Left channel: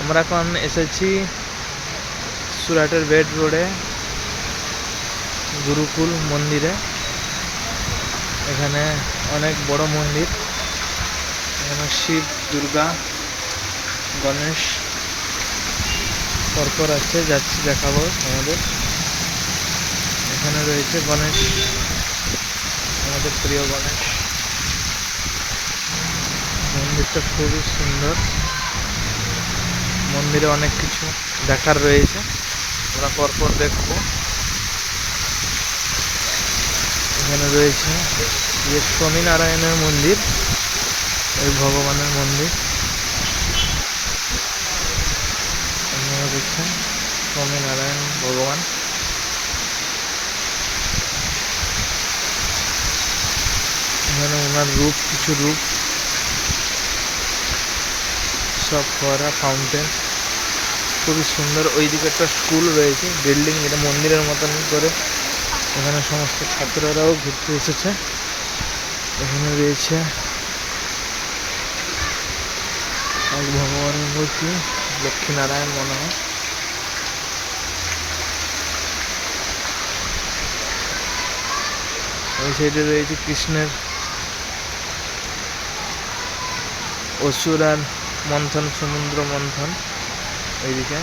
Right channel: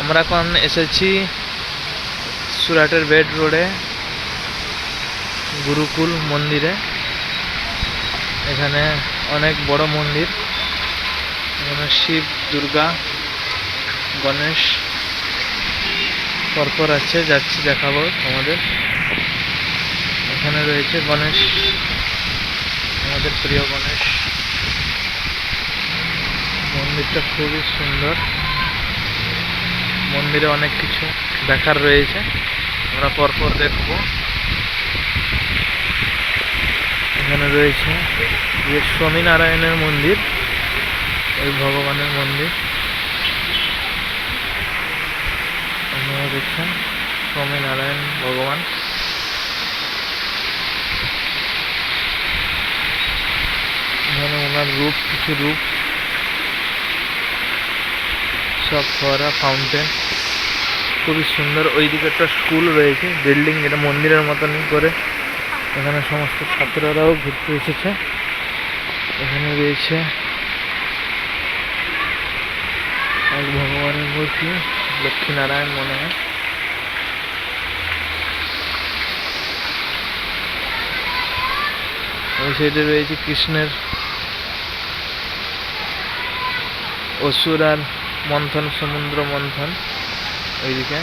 আমরা এখন এসেছি সুরাটের বেড রোডে গুরুকুল মন্দিরে। এখানে অনেক বড় মন্দির, এখানে শিব, দুর্গা, গণেশ পরপর আছে, যাচ্ছি দেখাবো আমাদের। এখানে রয়েছে গণেশ, আমাদের প্রিয় গণেশ। মন্দিরটা খুবই সুন্দর, মন্দিরে অনেক কিছু দেখার রয়েছে, আমরা পরপর দেখব। এখানে রয়েছে যে স্বামীনারায়ণের মন্দির, এই ভগবানের মন্দির আপনারা দেখছেন, স্বামীনারায়ণ ভগবান। এখানে ওনার রূপ, কিছু রূপ সব ফোয়ারা, ফাউন্টেন, খুবই সুন্দর। ওইদিকে একটা স্কুল রয়েছে, বিল্ডিং, এটা মন্দিরের মতনই করে। এখানে সমস্ত ছাত্ররাও ঘুরতে এসেছে। এখানে রয়েছে এক ভগবানের মূর্তি, লক্ষ্মীনারায়ণ মনে হয়। ওই সাইডে রয়েছে কৃষ্ণের অসুর আর মন্থন, সমুদ্র মন্থন ওইদিকে।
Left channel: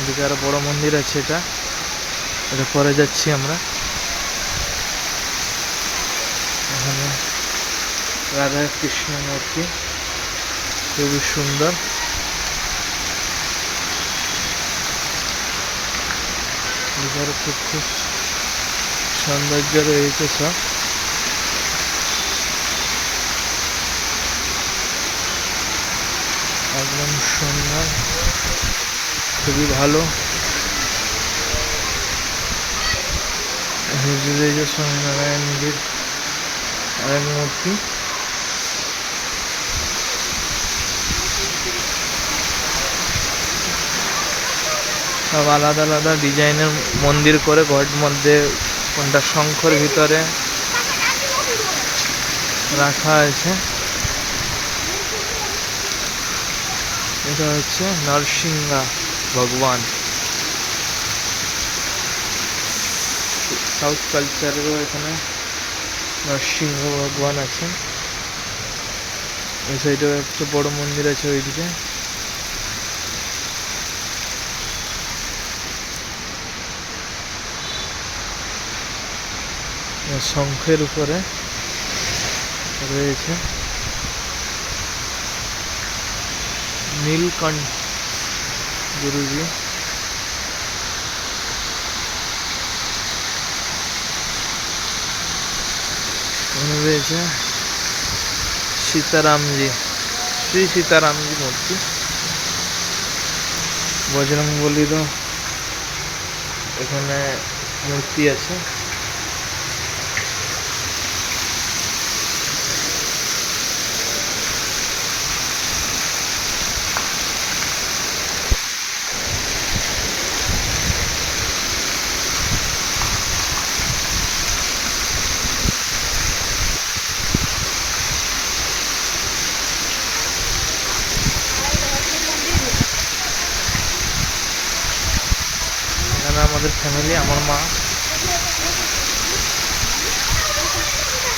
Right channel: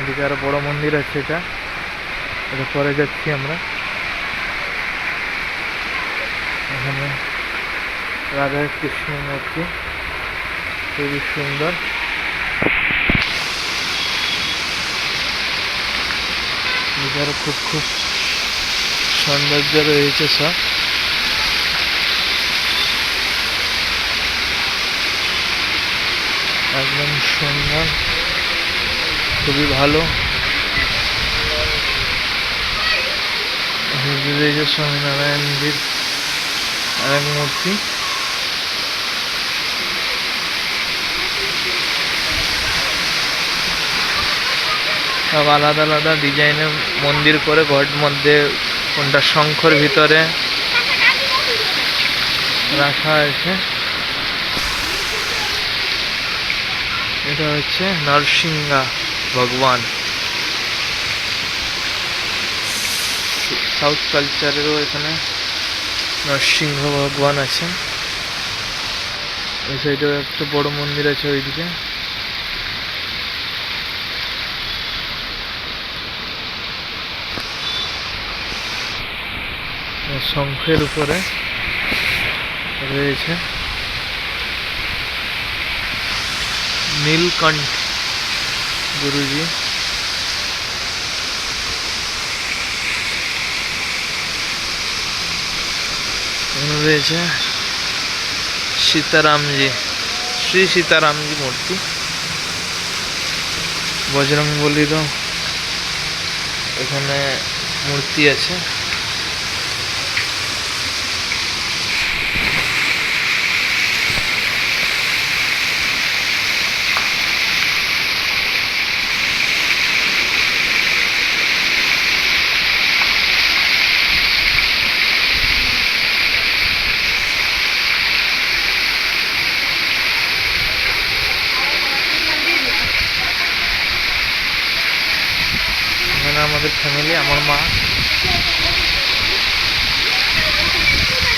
এদিকে আরো বড় মন্দির আছে, এটা পরে যাচ্ছি আমরা। এখানে রাধা কৃষ্ণ মূর্তি খুবই সুন্দর। এদিকে খুব খুব সৌন্দর্য রয়েছে সব। একদম সুন্দর, খুবই ভালো। রয়েছে স্বামীনারায়ণজির আরেক মূর্তি। সব আলাদা আলাদা ডিজাইনের মন্দির করে ঘর মধ্যে, কোনটা শঙ্খর ভিতরে রাখা আছে। এটা হচ্ছে নরসিংহা ভগবান। সাউথ কালচারেরও এখানে নরসিংহ ভগবান আছেন। ওই সাইডেও একটা বড় মন্দির আছে ওইদিকে। শঙ্খের উপরে রয়েছে নীলকণ্ঠ গুরুজি। এখানে রয়েছে সীতারামজি, শ্রী সীতারামজি মূর্তি। বজরংবলীরও এখানে মূর্তি আছে। এখানে আমাদের ফ্যামিলি, আমার মা,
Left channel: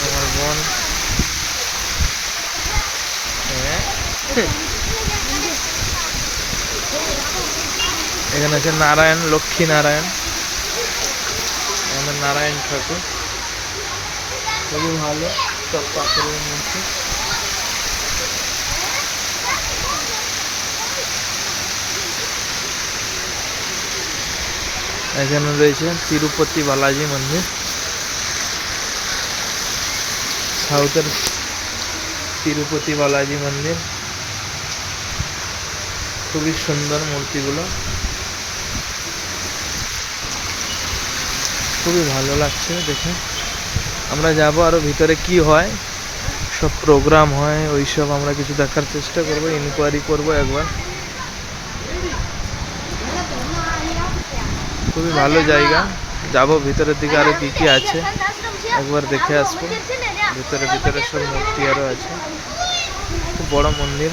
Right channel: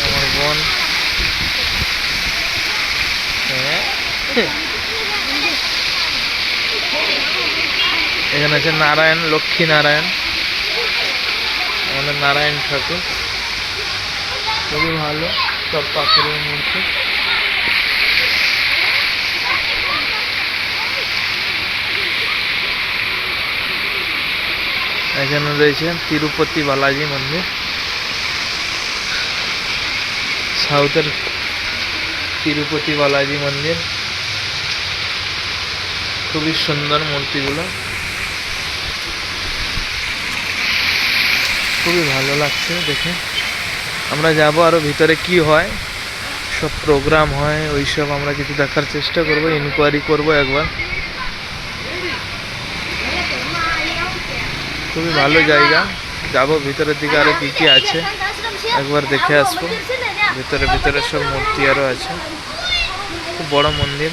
আমার বোন। এখানে আছে নারায়ণ, লক্ষ্মী নারায়ণ, আমাদের নারায়ণ ঠাকুর, খুবই ভালো। সব পাথরের মূর্তি। এখানে রয়েছে তিরুপতি বালাজি মন্দির, সাউথের তিরুপতি বালাজি মন্দির। খুবই সুন্দর মূর্তিগুলো, খুবই ভালো লাগছে দেখে। আমরা যাব আরো ভিতরে, কি হয়, সব প্রোগ্রাম হয় ওইসব আমরা কিছু দেখার চেষ্টা করব, ইনকোয়ারি করব একবার। খুবই ভালো জায়গা। যাবো ভিতরের দিকে, আরো কি কি আছে একবার দেখে আসবো। ভিতরে ভিতরে সব মূর্তি আরো আছে, খুব বড় মন্দির।